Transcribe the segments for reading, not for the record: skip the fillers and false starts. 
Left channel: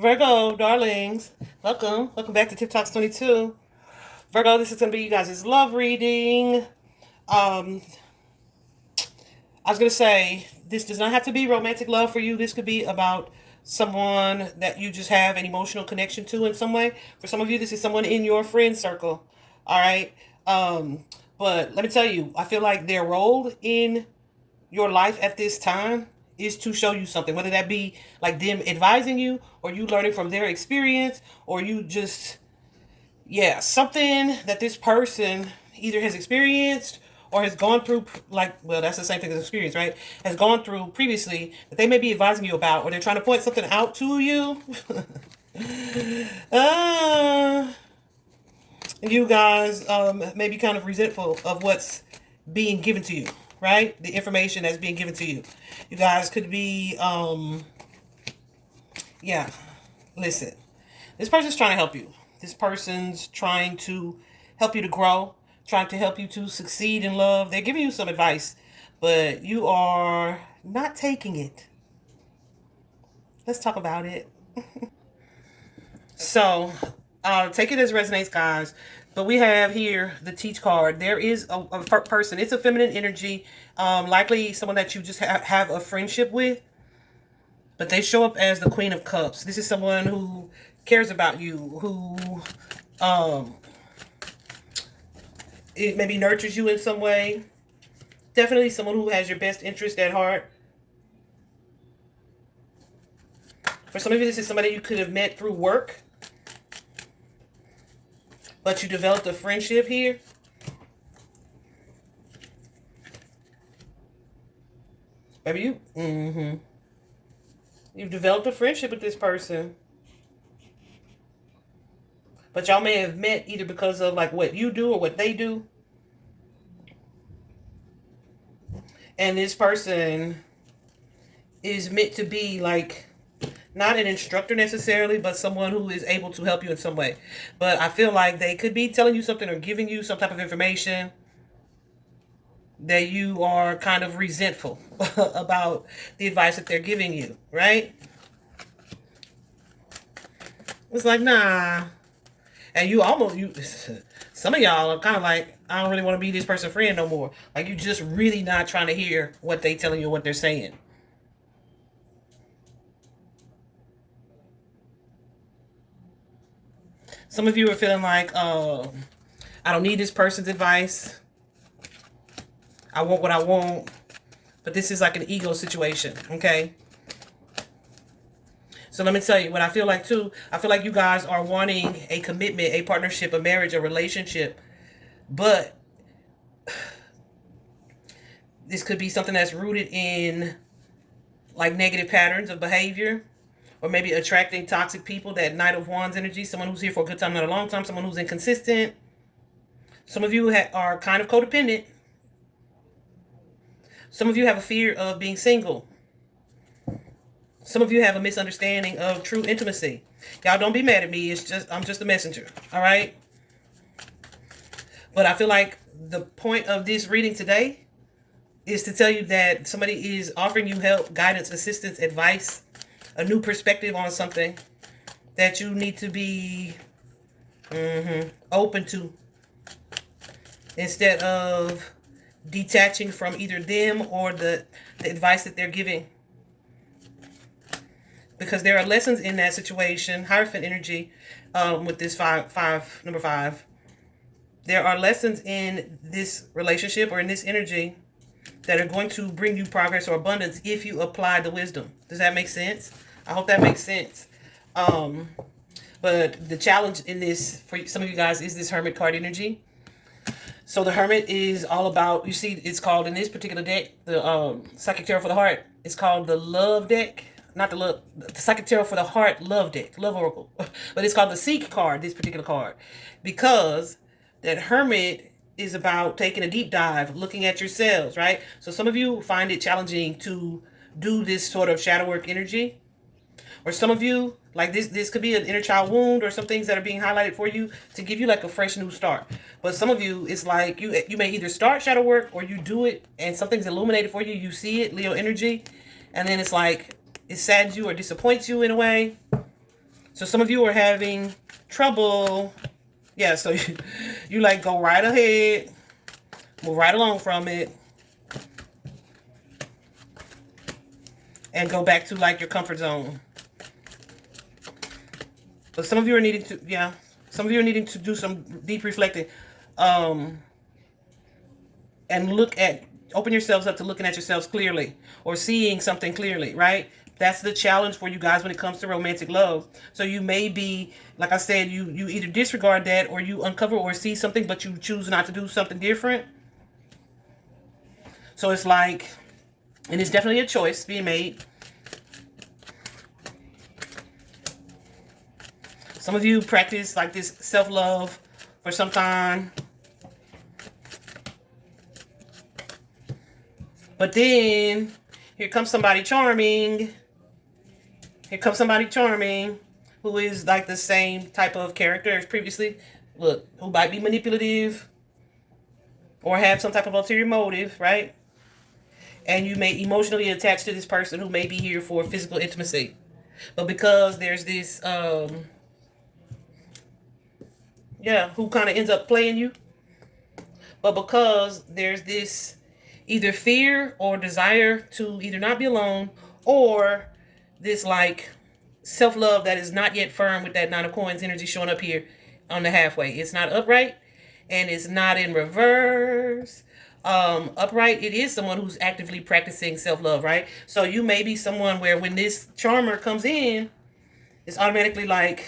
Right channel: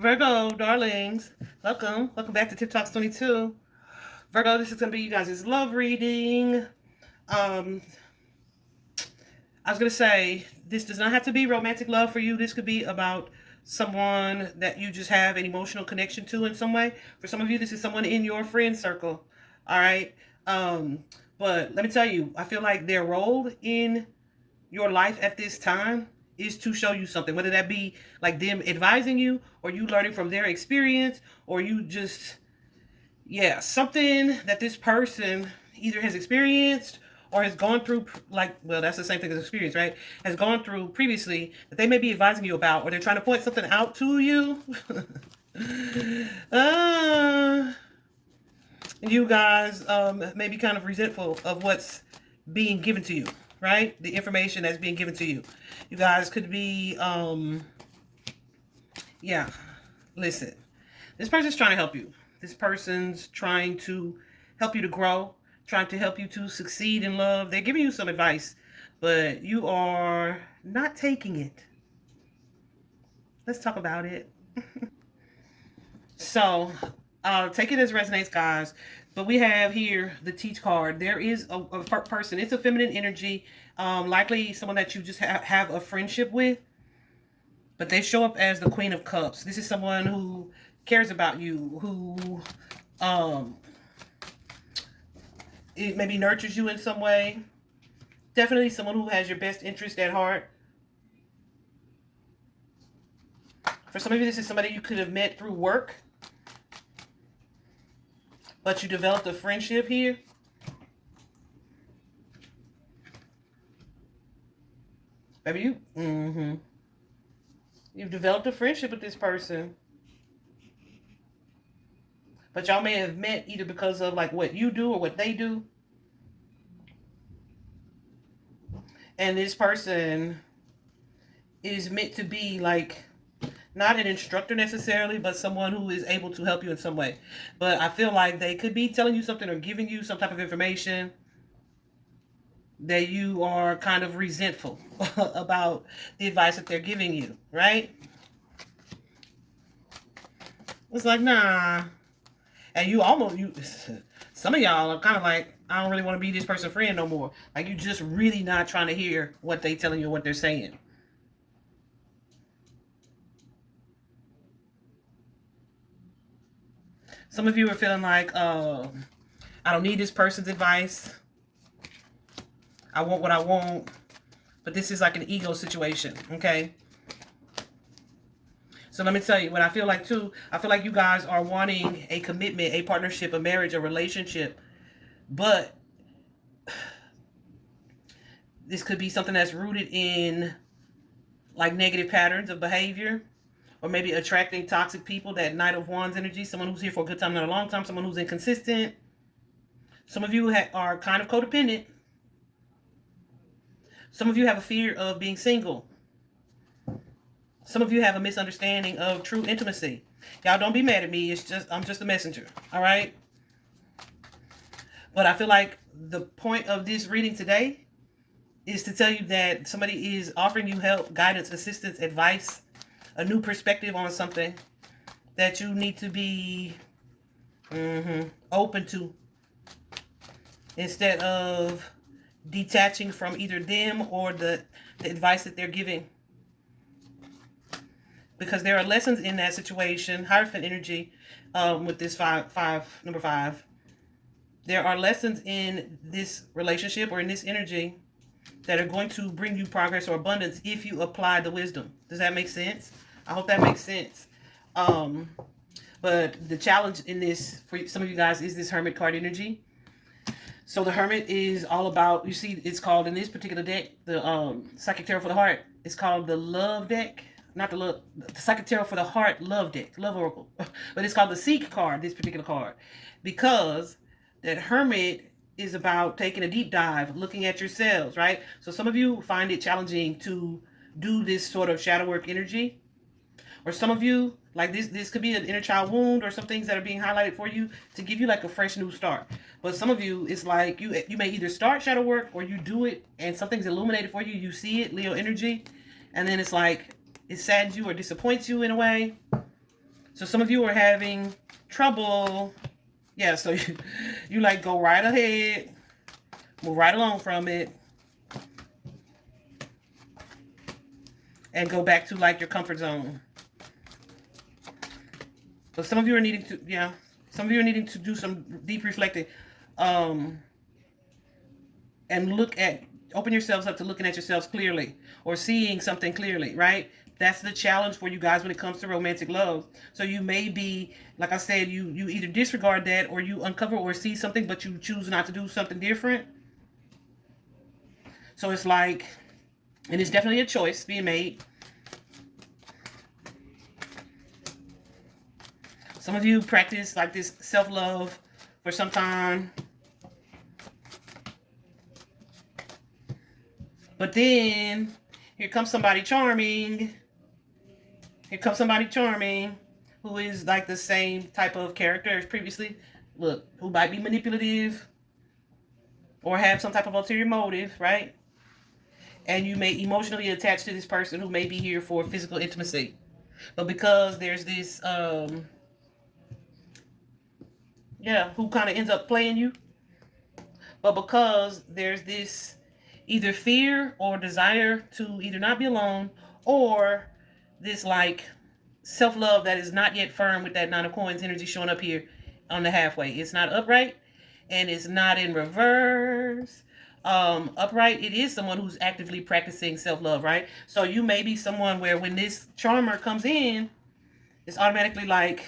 Virgo, darlings, welcome back to Tip Talks 22. Virgo, this is going to be you guys' love reading. Um, I was going to say, this does not have to be romantic love for you. This could be about someone that you just have an emotional connection to in some way. For some of you, this is someone in your friend circle. All right. Um, but let me tell you, I feel like their role in your life at this time is to show you something, whether that be like them advising you or you learning from their experience or you just, yeah, something that this person either has experienced or has gone through, like, well, that's the same thing as experience, right? Has gone through previously that they may be advising you about, or they're trying to point something out to you. uh, you guys may be kind of resentful of what's being given to you, right? The information that's being given to you. You guys could be, yeah, listen, this person's trying to help you. This person's trying to help you to grow, trying to help you to succeed in love. They're giving you some advice, but you are not taking it. Let's talk about it. So, take it as resonates, guys. But we have here the Teach card. There is a person. It's a feminine energy, likely someone that you just have a friendship with. But they show up as the Queen of Cups. This is someone who cares about you, who it maybe nurtures you in some way. Definitely someone who has your best interest at heart. For some of you, this is somebody you could have met through work, but you developed a friendship here. Maybe you've developed a friendship with this person. But y'all may have met either because of like what you do or what they do. And this person is meant to be like not an instructor necessarily, but someone who is able to help you in some way. But I feel like they could be telling you something or giving you some type of information that you are kind of resentful about the advice that they're giving you, right? It's like, nah. And some of y'all are kind of like, I don't really want to be this person's friend no more. Like, you just really not trying to hear what they telling you, what they're saying. Some of you are feeling like, I don't need this person's advice. I want what I want. But this is like an ego situation, okay? So let me tell you what I feel like too. I feel like you guys are wanting a commitment, a partnership, a marriage, a relationship. But this could be something that's rooted in like negative patterns of behavior, or maybe attracting toxic people, that Knight of Wands energy, someone who's here for a good time, not a long time, someone who's inconsistent. Some of you are kind of codependent. Some of you have a fear of being single. Some of you have a misunderstanding of true intimacy. Y'all don't be mad at me. I'm just a messenger. All right. But I feel like the point of this reading today is to tell you that somebody is offering you help, guidance, assistance, advice, a new perspective on something that you need to be open to, instead of detaching from either them or the advice that they're giving. Because there are lessons in that situation. Hierophant energy, with this number five. There are lessons in this relationship or in this energy that are going to bring you progress or abundance if you apply the wisdom. Does that make sense? I hope that makes sense. But the challenge in this for some of you guys is this Hermit card energy. So the Hermit is all about, you see, it's called in this particular deck, the Psychic Tarot for the Heart, it's called the Love deck. Not the Psychic Tarot for the Heart Love deck, Love Oracle. But it's called the Seek card, this particular card. Because that Hermit is about taking a deep dive, looking at yourselves, right? So some of you find it challenging to do this sort of shadow work energy. Or some of you, like this could be an inner child wound or some things that are being highlighted for you to give you like a fresh new start. But some of you, it's like you may either start shadow work or you do it and something's illuminated for you. You see it, Leo energy. And then it's like, it saddens you or disappoints you in a way. So some of you are having trouble. Yeah, so you like go right ahead, move right along from it, and go back to like your comfort zone. But some of you are needing to, yeah, some of you are needing to do some deep reflecting, and open yourselves up to looking at yourselves clearly or seeing something clearly, right? That's the challenge for you guys when it comes to romantic love. So you may be, like I said, you either disregard that or you uncover or see something, but you choose not to do something different. So it's like, and it's definitely a choice being made. Some of you practice like this self-love for some time. But then here comes somebody charming. Here comes somebody charming who is like the same type of character as previously. Look, who might be manipulative or have some type of ulterior motive, right? And you may emotionally attach to this person who may be here for physical intimacy. But because there's this, who kind of ends up playing you. But because there's this either fear or desire to either not be alone, or this like self-love that is not yet firm with that Nine of Coins energy showing up here on the halfway. It's not upright and it's not in reverse. Upright, it is someone who's actively practicing self-love, right? So you may be someone where when this charmer comes in, it's automatically like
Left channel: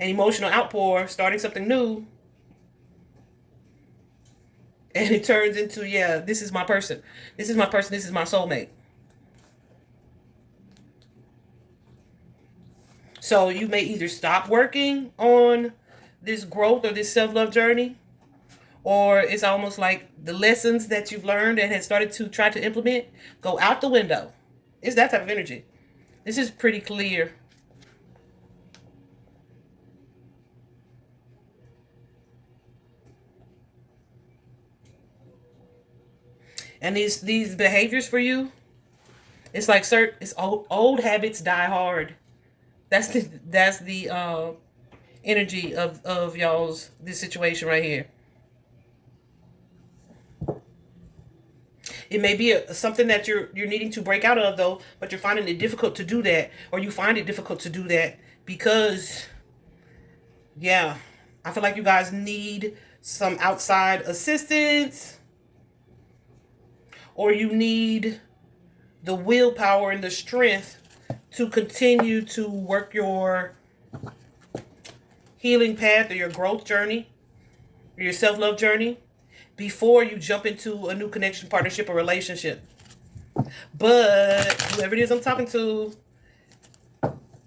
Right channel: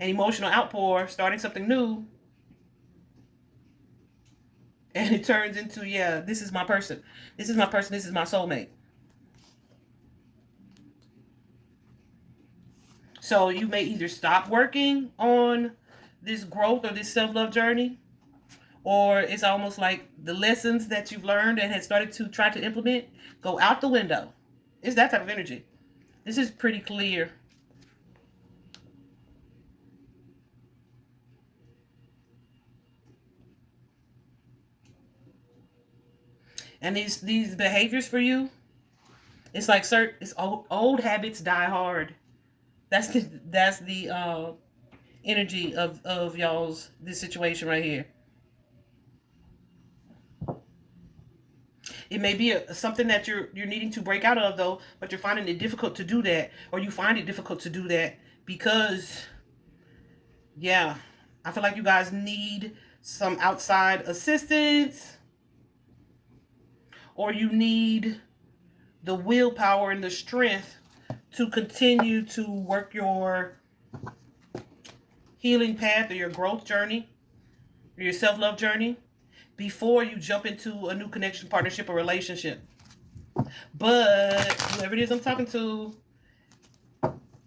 an emotional outpour, starting something new. And it turns into, yeah, this is my person. This is my person. This is my soulmate. So you may either stop working on this growth or this self-love journey, or it's almost like the lessons that you've learned and had started to try to implement go out the window. It's that type of energy. This is pretty clear. And these behaviors for you, it's like it's old habits die hard. That's the energy of y'all's this situation right here. It may be something that you're needing to break out of though, but you're finding it difficult to do that, or you find it difficult to do that because, yeah, I feel like you guys need some outside assistance, or you need the willpower and the strength to continue to work your healing path or your growth journey or your self-love journey before you jump into a new connection, partnership, or relationship. But whoever it is I'm talking to,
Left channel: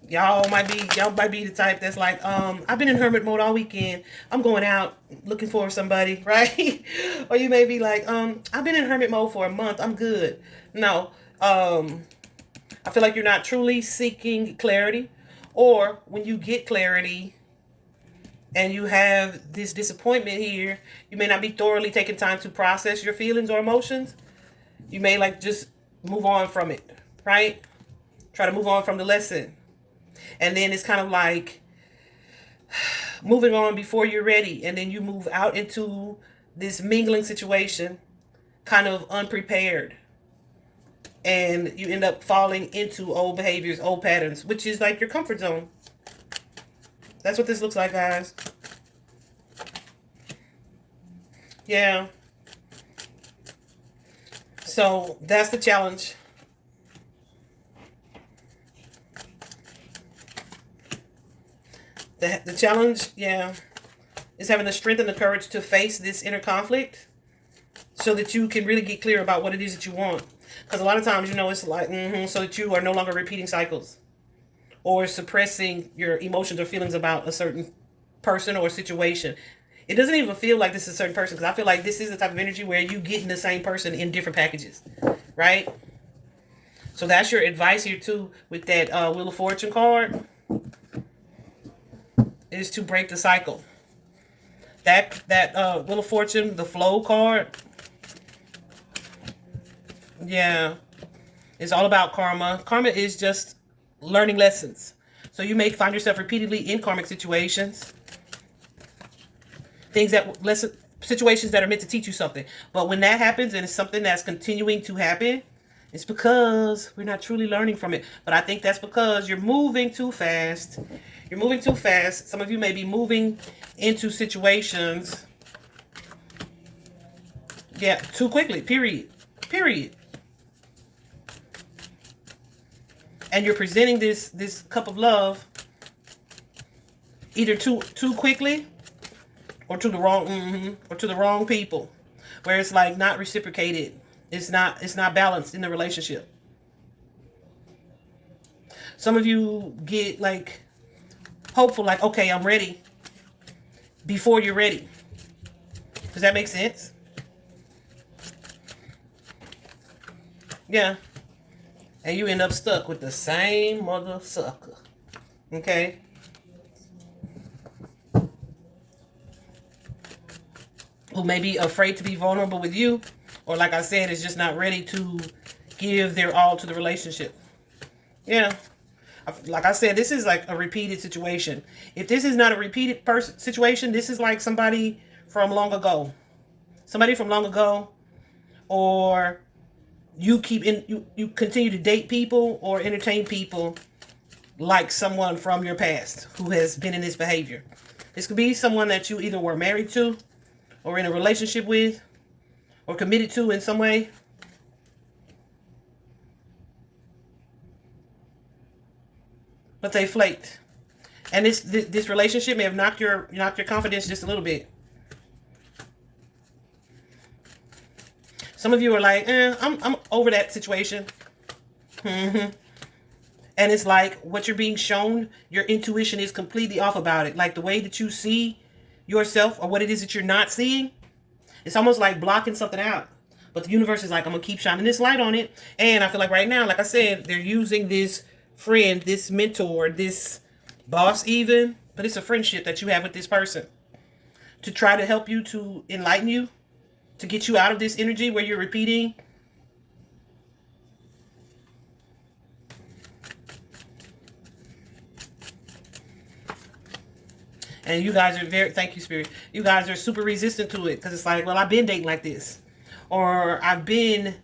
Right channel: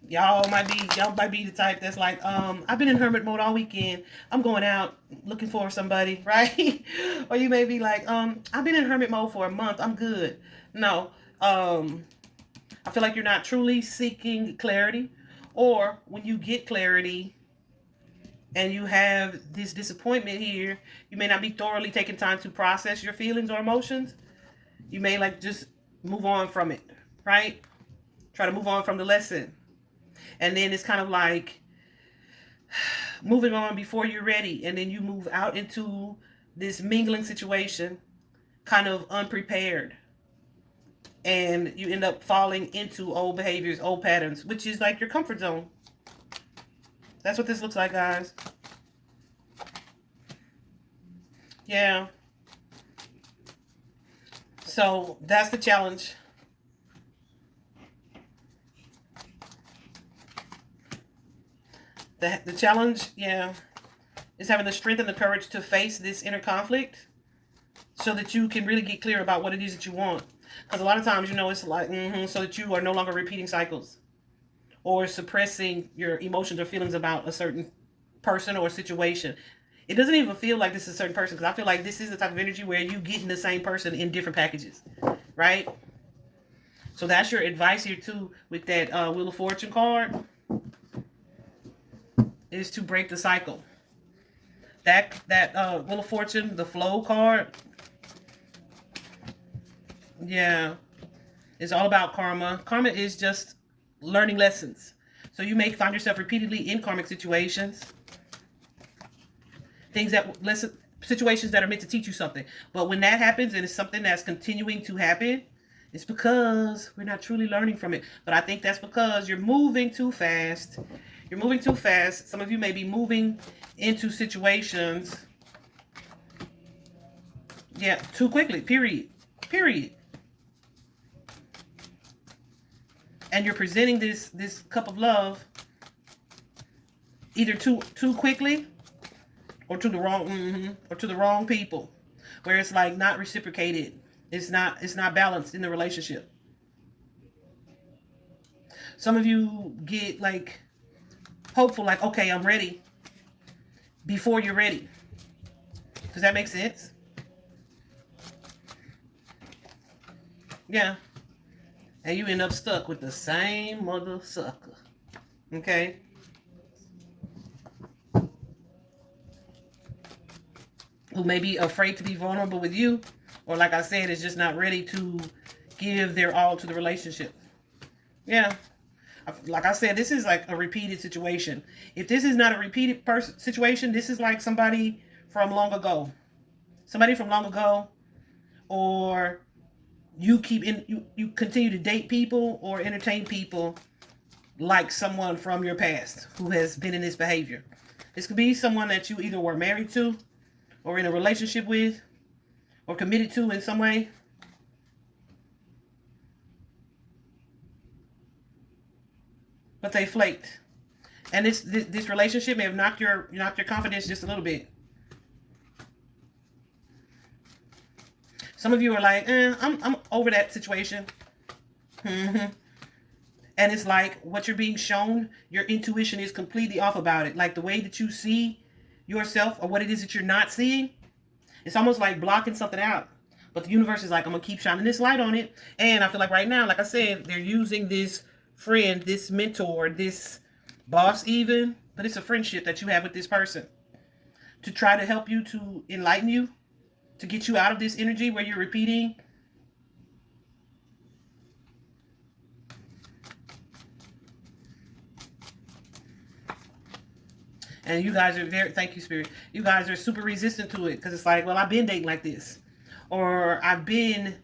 y'all might be the type that's like, I've been in hermit mode all weekend. I'm going out looking for somebody, right? Or you may be like, I've been in hermit mode for a month. I'm good. No, I feel like you're not truly seeking clarity, or when you get clarity and you have this disappointment here, you may not be thoroughly taking time to process your feelings or emotions. You may like just move on from it, right? Try to move on from the lesson. And then it's kind of like moving on before you're ready. And then you move out into this mingling situation kind of unprepared. And you end up falling into old behaviors, old patterns, which is like your comfort zone. That's what this looks like, guys. Yeah. So that's the challenge. The challenge, yeah, is having the strength and the courage to face this inner conflict so that you can really get clear about what it is that you want. Because a lot of times, it's like, so that you are no longer repeating cycles or suppressing your emotions or feelings about a certain person or situation. It doesn't even feel like this is a certain person, because I feel like this is the type of energy where you getting the same person in different packages, right? So that's your advice here too with that Wheel of Fortune card, is to break the cycle. That Wheel of Fortune, the flow card, yeah, it's all about karma. Karma is just learning lessons. So you may find yourself repeatedly in karmic situations. Situations that are meant to teach you something. But when that happens and it's something that's continuing to happen, it's because we're not truly learning from it. But I think that's because you're moving too fast. You're moving too fast. Some of you may be moving into situations, yeah, too quickly. Period. And you're presenting this cup of love either too quickly or to the wrong people, where it's like not reciprocated. It's not balanced in the relationship. Some of you get like hopeful, like, okay, I'm ready, before you're ready. Does that make sense? Yeah. And you end up stuck with the same mother sucker. Okay? Who may be afraid to be vulnerable with you, or like I said, is just not ready to give their all to the relationship. Yeah. Like I said, this is like a repeated situation. If this is not a repeated situation, this is like somebody from long ago. Somebody from long ago, or you continue to date people or entertain people like someone from your past who has been in this behavior. This could be someone that you either were married to, or in a relationship with, or committed to in some way. But they flaked. And this relationship may have knocked your confidence just a little bit. Some of you are like, I'm over that situation. And it's like what you're being shown, your intuition is completely off about it. Like the way that you see yourself, or what it is that you're not seeing, it's almost like blocking something out. But the universe is like, I'm going to keep shining this light on it. And I feel like right now, like I said, they're using this friend, this mentor, this boss even, but it's a friendship that you have with this person, to try to help you, to enlighten you, to get you out of this energy where you're repeating. And you guys are thank you, Spirit. You guys are super resistant to it, because it's like, well, I've been dating like this, or I've been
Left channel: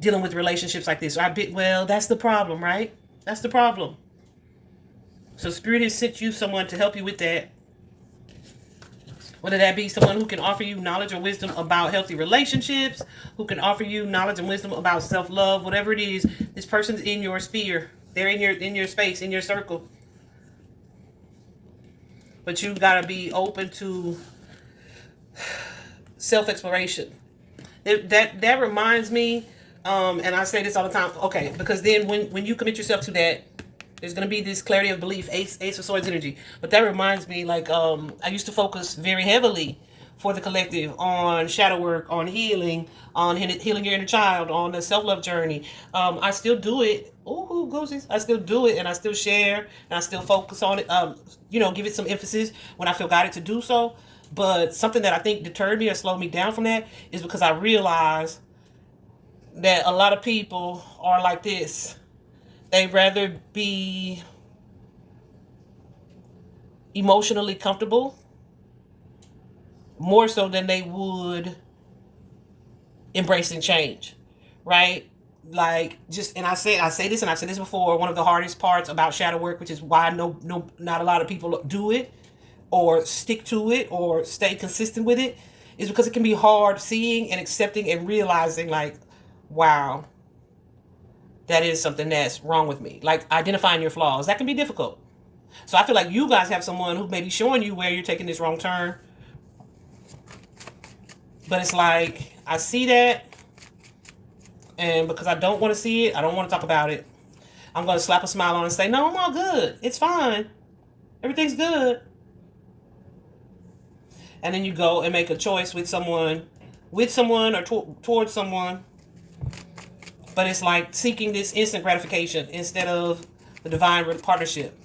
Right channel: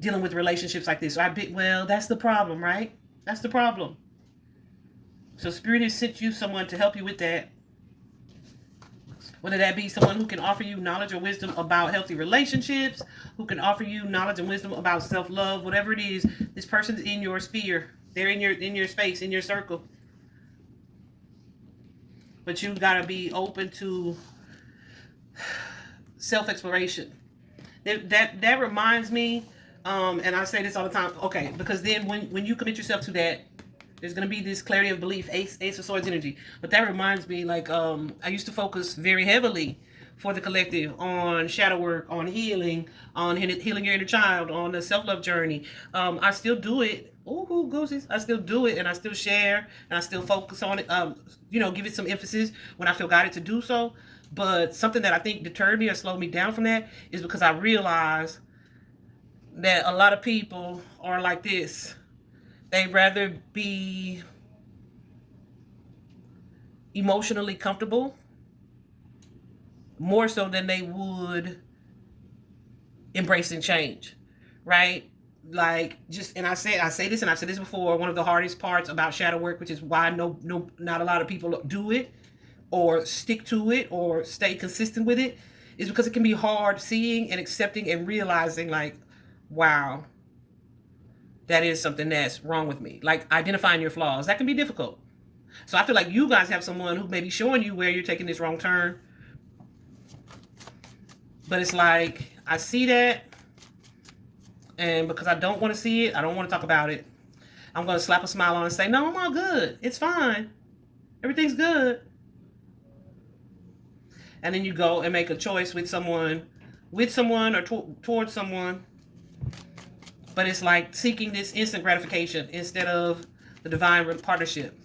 dealing with relationships like this, or well, that's the problem, right? That's the problem. So Spirit has sent you someone to help you with that. Whether that be someone who can offer you knowledge or wisdom about healthy relationships, who can offer you knowledge and wisdom about self-love, whatever it is, this person's in your sphere. They're in your space, in your circle. But you've got to be open to self-exploration. That reminds me, and I say this all the time, okay, because then when you commit yourself to that, there's going to be this clarity of belief, Ace of Swords energy. But that reminds me, like, I used to focus very heavily for the collective on shadow work, on healing, on healing your inner child, on the self-love journey. I still do it. Ooh, goosies. I still do it, and I still share, and I still focus on it. Give it some emphasis when I feel guided to do so. But something that I think deterred me or slowed me down from that is because I realized that a lot of people are like this. They'd rather be emotionally comfortable more so than they would embracing change, right? Like, just, and I say this, and I've said this before, one of the hardest parts about shadow work, which is why not a lot of people do it or stick to it or stay consistent with it, is because it can be hard seeing and accepting and realizing, like, wow, that is something that's wrong with me. Like, identifying your flaws, that can be difficult. So I feel like you guys have someone who may be showing you where you're taking this wrong turn. But it's like, I see that, and because I don't want to see it, I don't want to talk about it. I'm going to slap a smile on and say, no, I'm all good. It's fine. Everything's good. And then you go and make a choice with someone or towards someone. But it's like seeking this instant gratification instead of the divine partnership.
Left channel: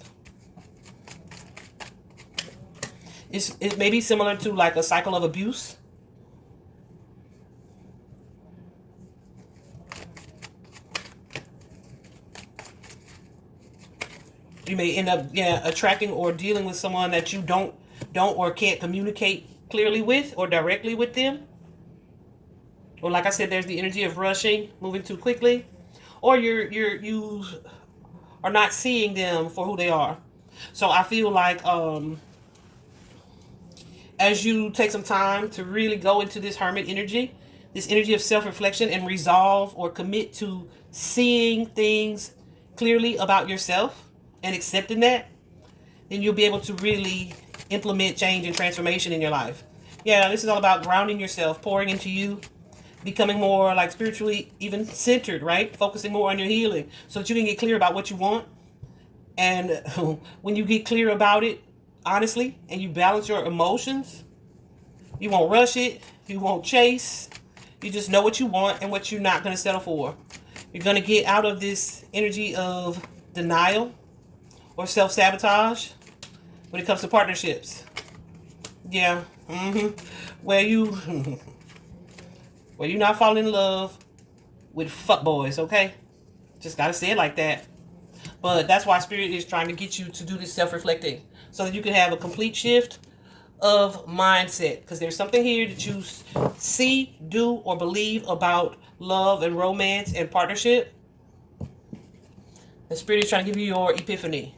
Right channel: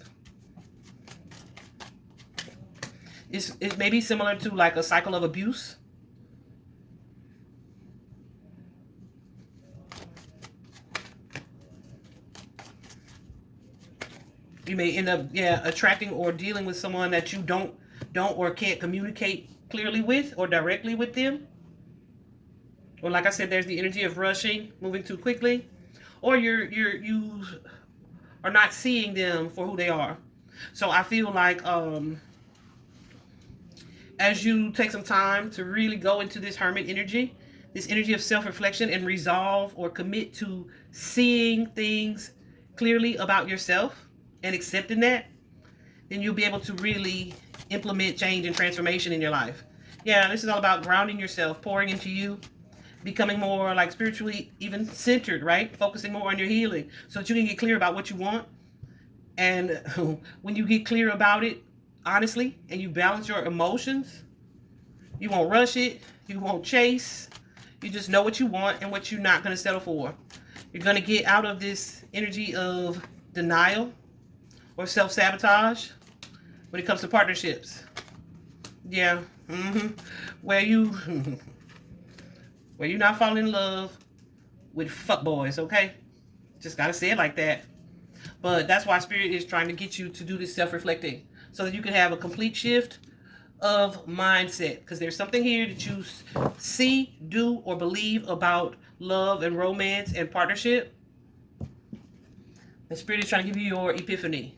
It may be similar to like a cycle of abuse. You may end up, attracting or dealing with someone that you don't or can't communicate clearly with or directly with them. Or like I said, there's the energy of rushing, moving too quickly, or you are not seeing them for who they are. So I feel like as you take some time to really go into this hermit energy, this energy of self-reflection, and resolve or commit to seeing things clearly about yourself and accepting that, then you'll be able to really implement change and transformation in your life. Yeah, this is all about grounding yourself, pouring into you, becoming more like spiritually even centered, right? Focusing more on your healing so that you can get clear about what you want. And when you get clear about it, honestly, and you balance your emotions, you won't rush it, you won't chase, you just know what you want and what you're not going to settle for. You're going to get out of this energy of denial or self-sabotage when it comes to partnerships. Yeah. Where you not falling in love with fuckboys, okay? Just gotta say it like that. But that's why Spirit is trying to get you to do this self-reflecting so that you can have a complete shift of mindset. Because there's something here that you see, do, or believe about love and romance and partnership. The Spirit is trying to give you your epiphany.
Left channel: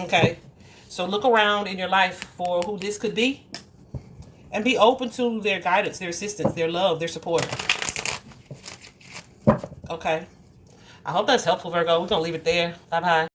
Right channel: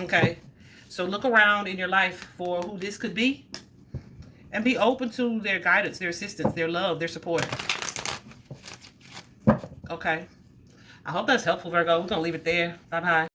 Okay? So look around in your life for who this could be. And be open to their guidance, their assistance, their love, their support. Okay? I hope that's helpful, Virgo. We're going to leave it there. Bye-bye.